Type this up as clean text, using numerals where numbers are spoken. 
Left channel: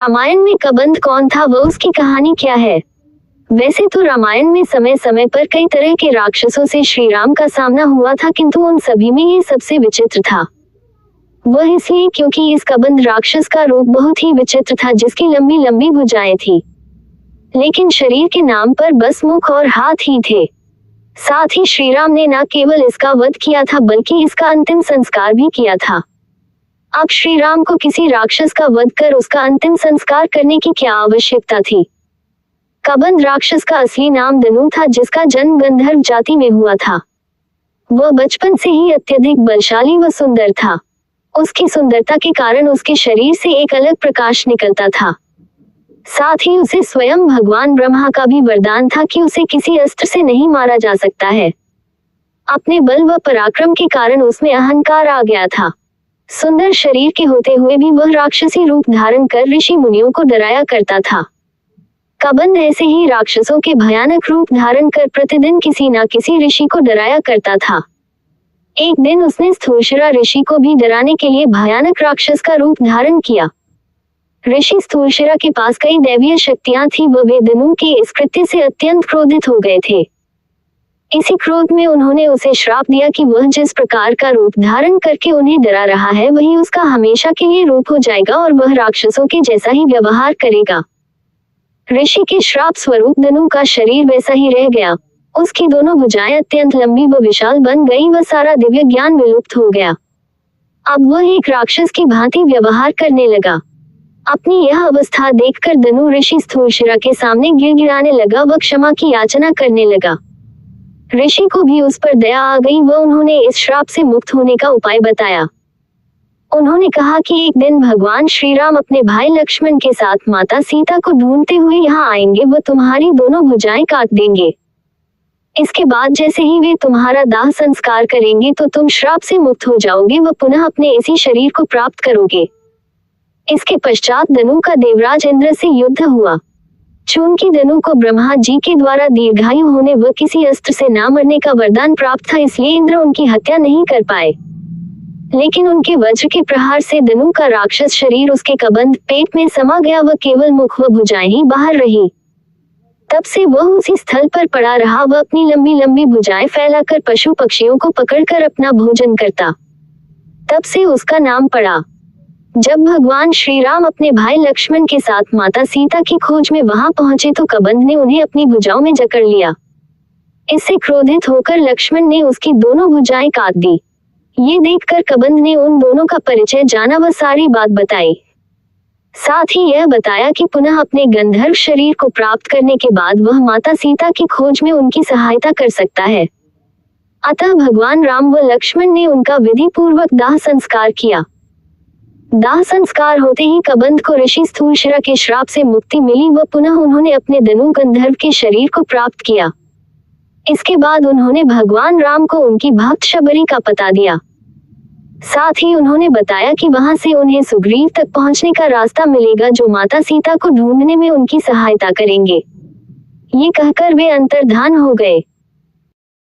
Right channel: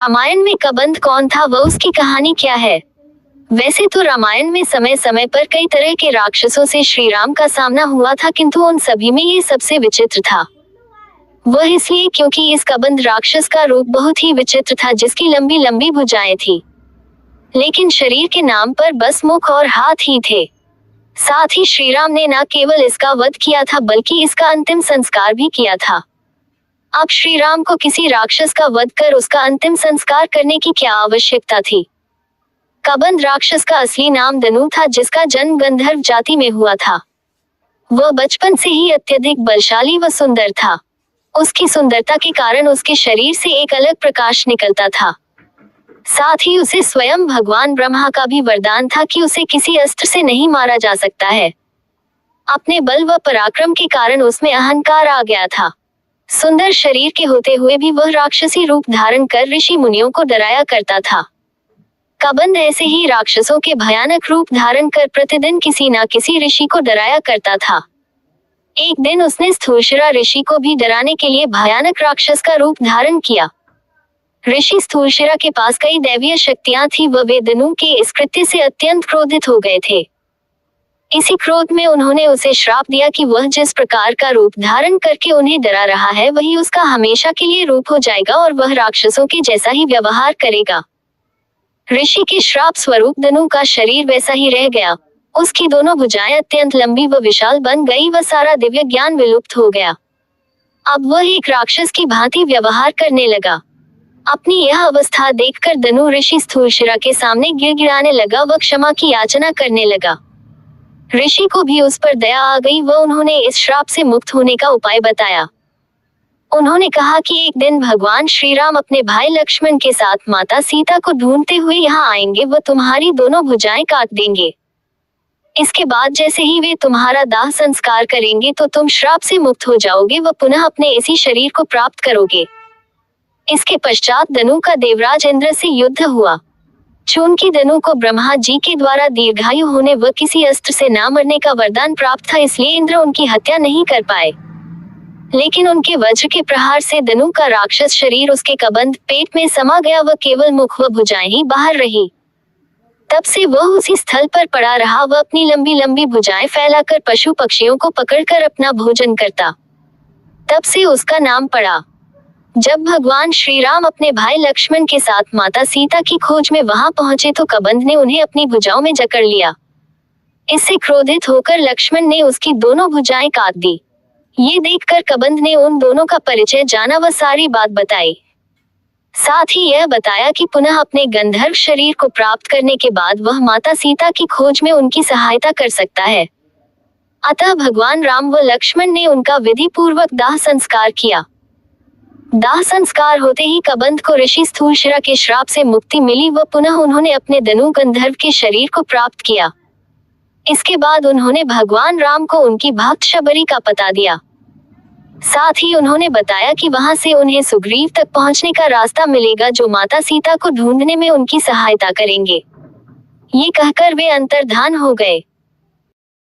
रामायण में कबंध कौन था, वह उसकी कहानी क्या है। वैसे तो रामायण में समय समय पर कई तरह के राक्षसों से श्री राम का सामना हुआ था, किंतु उन सभी में ये सबसे विचित्र था। वह इसलिए क्योंकि इस कबंध राक्षस का रूप बहुत ही विचित्र था, जिसकी लंबी लंबी भुजाएं थी, लेकिन शरीर के नाम पर बस मुख और हाथ ही थे। साथ ही श्री राम ने न केवल इसका वध किया था, बल्कि इसका अंतिम संस्कार भी किया था। अब श्री राम को किसी राक्षस का वध कर उसका अंतिम संस्कार करने की क्या आवश्यकता थी। कबंध राक्षस का असली नाम धनु था, जिसका जन्म गंधर्व जाति में हुआ था। वह बचपन से ही अत्यधिक बलशाली व सुंदर था। उसकी सुंदरता के कारण उसके शरीर से एक अलग प्रकाश निकलता था। साथ ही उसे स्वयं भगवान ब्रह्मा का भी वरदान था कि उसे किसी अस्त्र से नहीं मारा जा सकता है। अपने बल व पराक्रम के कारण उसमें अहंकार आ गया था। सुंदर शरीर के होते हुए भी वह राक्षसी रूप धारण कर ऋषि मुनियों को डराया करता था। कबंध ऐसे ही राक्षसों के भयानक रूप धारण कर प्रतिदिन किसी न किसी ऋषि को डराया करता था। एक दिन उसने स्थूलशिरा ऋषि को भी डराने के लिए भयानक राक्षस का रूप धारण किया। ऋषि स्थूलशिरा के पास कई दैवीय शक्तियां थी, वे धनु के इस कृत्य से अत्यंत क्रोधित हो गए थे। इसी क्रोध में उन्होंने उसे श्राप दिया कि वह जिस प्रकार का रूप धारण करके उन्हें डरा रहा है, वही उसका हमेशा के लिए रूप हो जाएगा और वह राक्षसों के जैसा ही व्यवहार करेगा। ऋषि के श्राप स्वरूप धनु का शरीर वैसा ही रह गया। उसकी दोनों भुजाएं अत्यंत लंबी व विशाल बन गई व सारा दिव्य ज्ञान विलुप्त हो गया। अब वह एक राक्षस की भांति व्यवहार करने लगा। अपनी यह अवस्था देखकर धनु ऋषि स्थूलशिरा के सामने गिड़गिड़ाने लगा व क्षमा की याचना करने लगा। ऋषि को भी उस पर दया आ गई व उन्होंने इस श्राप से मुक्त होने का उपाय बताया। उन्होंने कहा कि एक दिन भगवान श्री राम अपने भाई लक्ष्मण के साथ माता सीता को ढूंढते हुए यहाँ आएंगे व तुम्हारी दोनों भुजाएं काट देंगे। इसके बाद जैसे ही वे तुम्हारा दाह संस्कार करेंगे तो तुम श्राप से मुक्त हो जाओगे व पुनः अपने इसी शरीर को प्राप्त करोगे। इसके पश्चात धनु का देवराज इंद्र से युद्ध हुआ। चूंकि धनु को ब्रह्मा जी के द्वारा दीर्घायु होने व किसी अस्त्र से न मरने का वरदान प्राप्त था, इसलिए इंद्र उनकी हत्या नहीं कर पाए। लेकिन उनके वज्र के प्रहार से धनु का राक्षस शरीर उसके कबंध पेट में समा गया व केवल मुख व भुजाएं ही बाहर रही। तब से वह उसी स्थल पर पड़ा रहा व अपनी लंबी लंबी भुजाएं फैलाकर पशु पक्षियों को पकड़कर अपना भोजन करता। तब से उसका नाम पड़ा। जब भगवान श्री राम अपने भाई लक्ष्मण के साथ माता सीता की खोज में वहां पहुंचे तो कबंध ने उन्हें अपनी भुजाओं में जकड़ लिया। इससे क्रोधित होकर लक्ष्मण ने उसकी दोनों भुजाएं काट दी। ये देखकर कबंध ने उन दोनों का परिचय जाना व सारी बात बताई। साथ ही यह बताया कि पुनः अपने गंधर्व शरीर को प्राप्त करने के बाद वह माता सीता की खोज में उनकी सहायता कर सकता है। अतः भगवान राम व लक्ष्मण ने उनका विधि पूर्वक दाह संस्कार किया। दाह संस्कार होते ही कबंध को ऋषि स्थूलशिरा के श्राप से मुक्ति मिली व पुनः उन्होंने अपने धनु गंधर्व के शरीर को प्राप्त किया। इसके बाद उन्होंने भगवान राम को उनकी भक्त शबरी का पता दिया। साथ ही उन्होंने बताया कि वहां से उन्हें सुग्रीव तक पहुंचने का रास्ता मिलेगा, जो माता सीता को ढूंढने में उनकी सहायता करेंगे। ये कहकर वे अंतर्धान हो गए।